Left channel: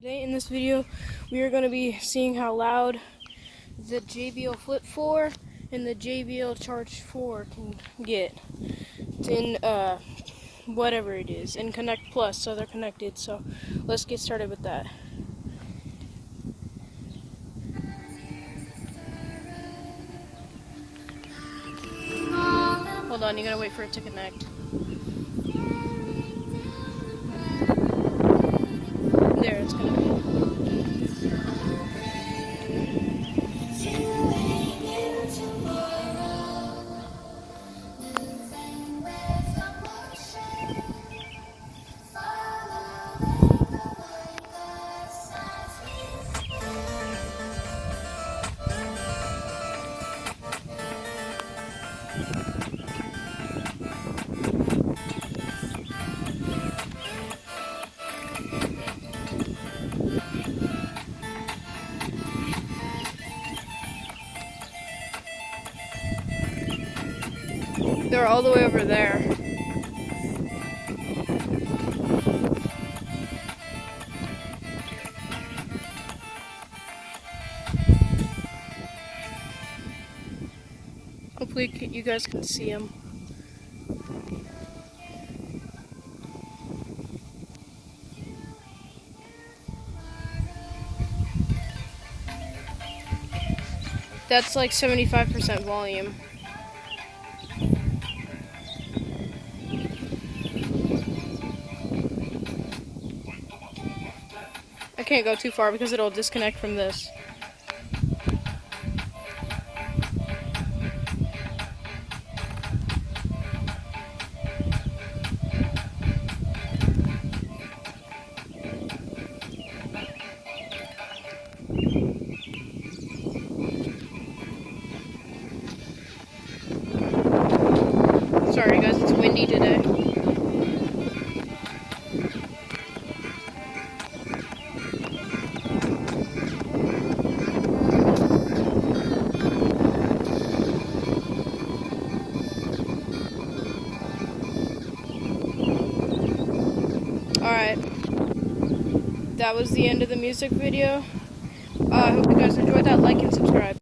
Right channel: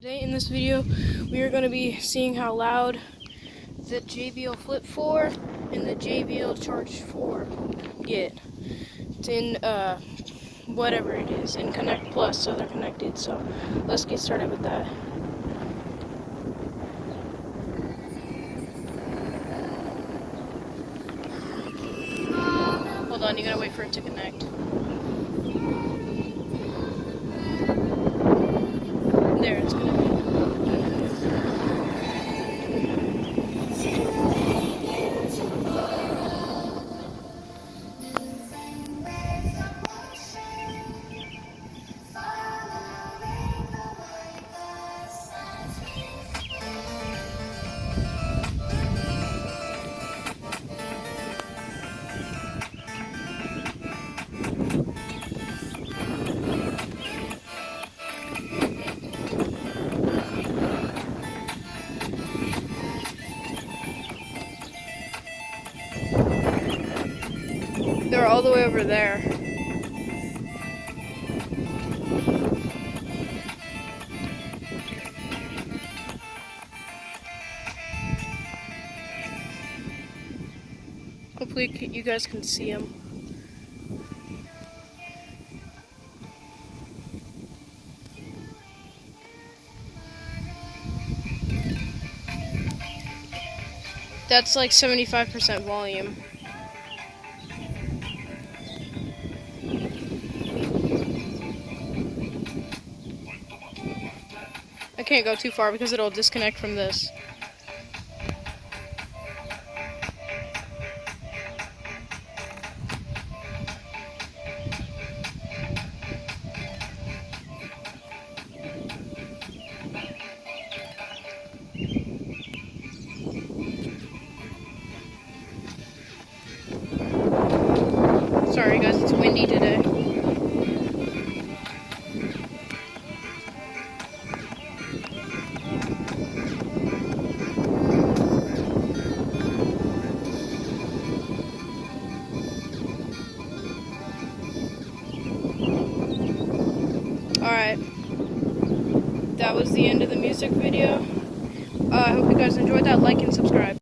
Today in this video, we are going to be seeing how loud the JBL Flip 4 and the JBL Charge 4 get. It's in whatever it is, in Connect Plus, so they're connected. So let's get started with that. Hold on, you gotta wait for it to connect. There, it's gonna be. They're all the way over there. Hopefully you guys can see them. That's like 75% volume. I can't go too far because it'll disconnect from this. Sorry guys, it's windy today. Alright, that was the end of the music video. I hope you guys enjoyed that. Like and subscribe.